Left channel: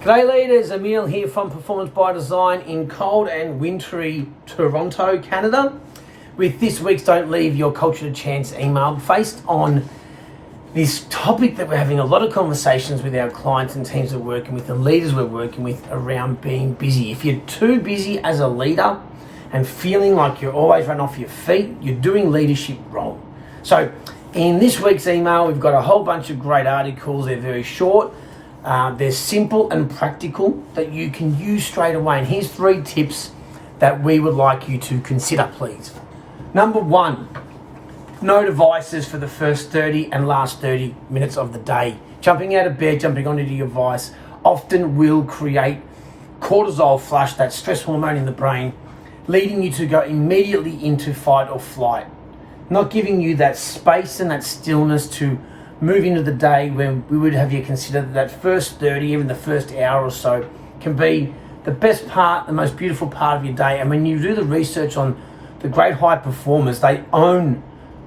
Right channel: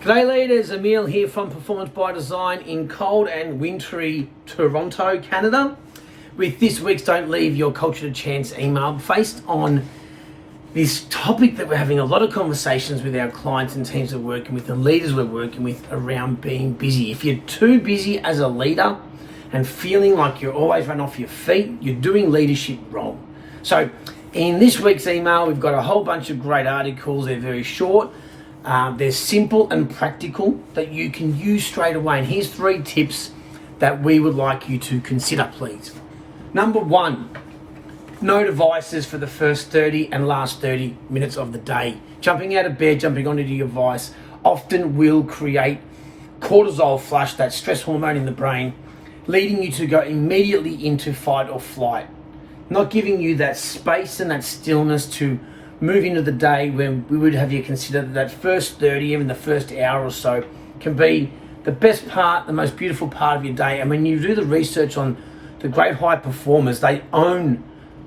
G'day leaders, Emil here from Performance by Design in cold and wintry Toronto, Canada, with this week's Don't Leave Your Culture to Chance email based on this topic that we're having a lot of conversations with our clients and teams we're working with and leaders we're working with around being busy. If you're too busy as a leader and feeling like you're always running off your feet, you're doing leadership wrong. So in this week's email, we've got a whole bunch of great articles. They're very short. They're simple and practical that you can use straight away. And here's 3 tips that we would like you to consider, please. Number 1, no devices for the first 30 and last 30 minutes of the day. Jumping out of bed, jumping onto your device often will create cortisol flush, that stress hormone in the brain, leading you to go immediately into fight or flight, not giving you that space and that stillness to move into the day when we would have you consider that first 30, even the first hour or so, can be the best part, the most beautiful part of your day. And when you do the research on the great high performers, they own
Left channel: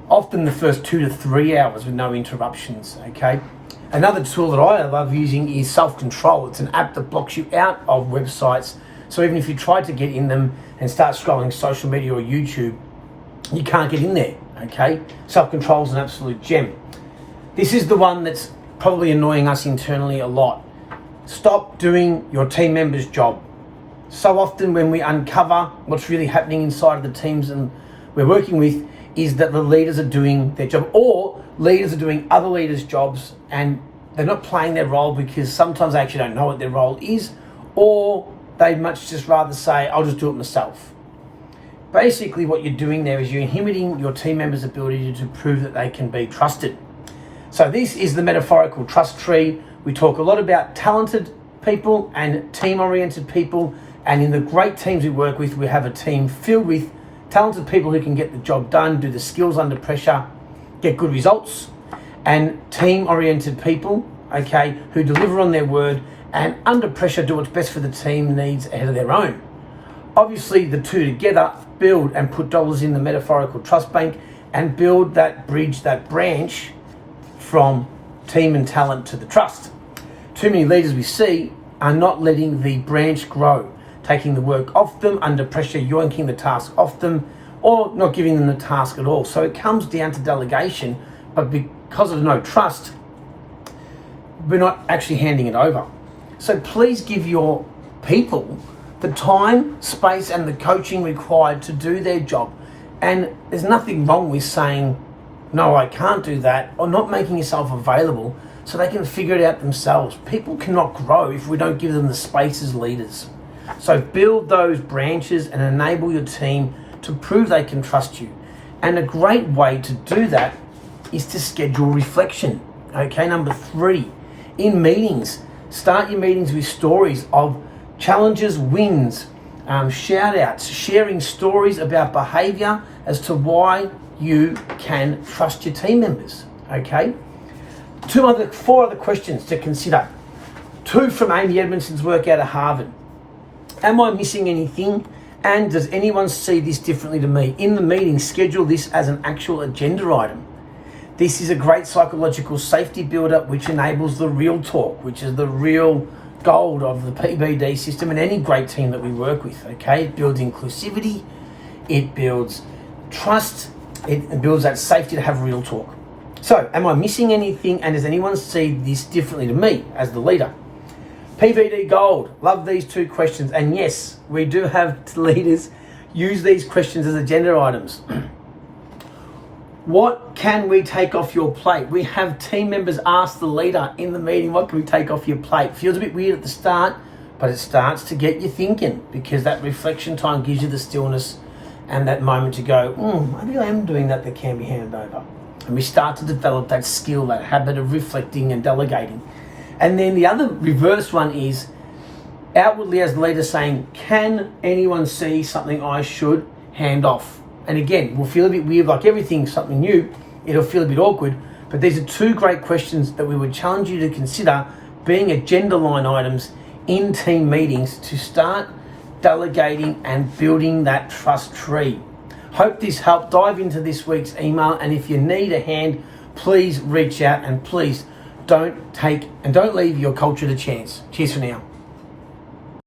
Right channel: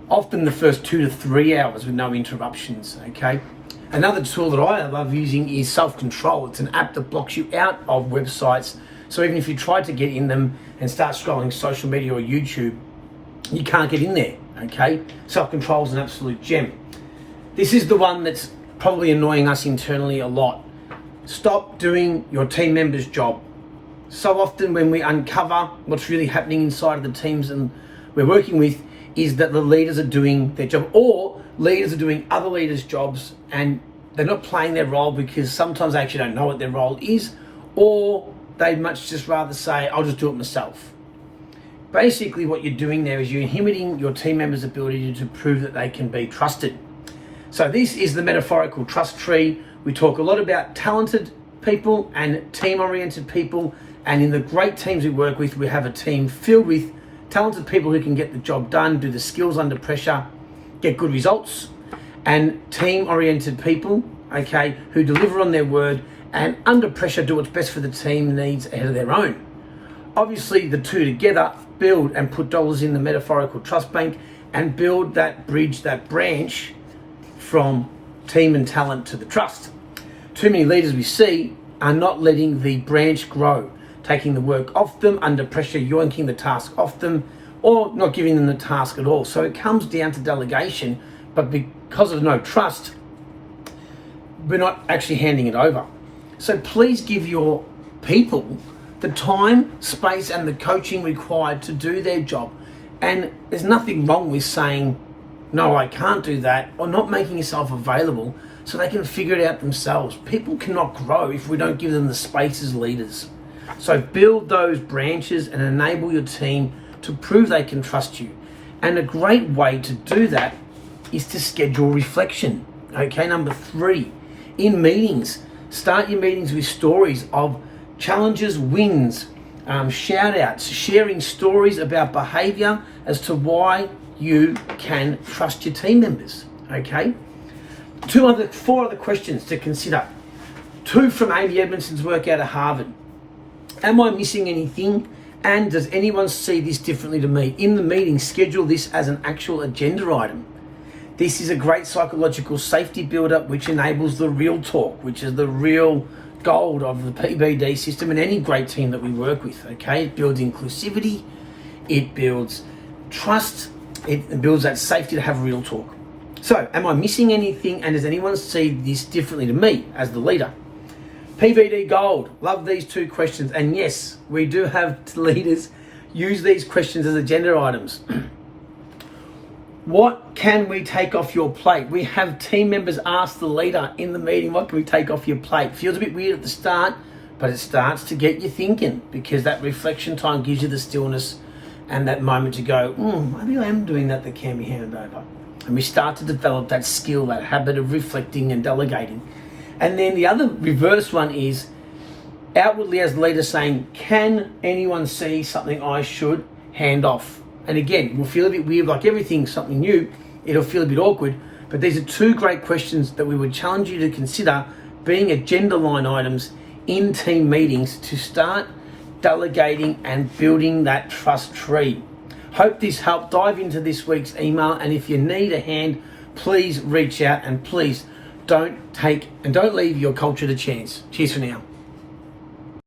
often the first 2 to 3 hours with no interruptions, okay? Another tool that I love using is self-control. It's an app that blocks you out of websites. So even if you try to get in them and start scrolling social media or YouTube, you can't get in there, okay? Self-control is an absolute gem. This is the one that's probably annoying us internally a lot. Stop doing your team member's job. So often when we uncover what's really happening inside of the teams and we're working with is that the leaders are doing their job, or leaders are doing other leaders' jobs and they're not playing their role because sometimes they actually don't know what their role is, or they'd much just rather say, I'll just do it myself. Basically what you're doing there is you're inhibiting your team members' ability to prove that they can be trusted. So this is the metaphorical trust tree. We talk a lot about talented people and team-oriented people. And in the great teams we work with, we have a team filled with talented people who can get the job done, do the skills under pressure, get good results. And team-oriented people, okay, who deliver on their word and under pressure do what's best for the team needs ahead of their own. Obviously, the two together build and put dollars in the metaphorical trust bank and build that bridge, that branch from team and talent to the trust. Too many leaders we see are not letting the branch grow, taking the work off them under pressure, yoinking the task off them, or not giving them the task at all. So it comes down to delegation, but because of no trust, we're not actually handing it over. So please give your people the time, space, and the coaching required to do their job. And there's nothing wrong with saying, no, I can't do that, or not making yourself available so they can figure it out themselves. People cannot grow if we don't give them the space as leaders. So build those branches and enable your team to prove they can trust you. And a great way to do that is to schedule reflection. Okay, number 3, in meetings, start your meetings with stories of challenges, wins, shout outs, sharing stories about behavior as to why you can trust your team members, okay? 4 other questions to consider. 2 from Amy Edmondson's work out of Harvard. Am I missing anything? And does anyone see this differently to me? In the meeting, schedule this as an actual agenda item. This is a great psychological safety builder which enables the real talk, which is the real gold of the PBD system and any great team that we work with, okay? It builds inclusivity, it builds trust, it builds that safety to have real talk. So, am I missing anything? And does anyone see this differently to me as the leader? PBD Gold. Love these 2 questions. And yes, we do have leaders use these questions as agenda items. What can we take off your plate? We have team members ask the leader in the meeting, what can we take off your plate? Feels a bit weird at the start, but it starts to get you thinking because that reflection time gives you the stillness and that moment to go, maybe I am doing that can be handed over. And we start to develop that skill, that habit of reflecting and delegating. And then the other reverse one is outwardly as the leader saying, can anyone see something I should hand off? And again, we'll feel a bit weird, like everything's something new. It'll feel a bit awkward. But these are 2 great questions that we would challenge you to consider being agenda line items in team meetings to start delegating and building that trust tree. Hope this helped. Dive into this week's email, and if you need a hand, please reach out and please don't leave your culture to chance. Cheers for now.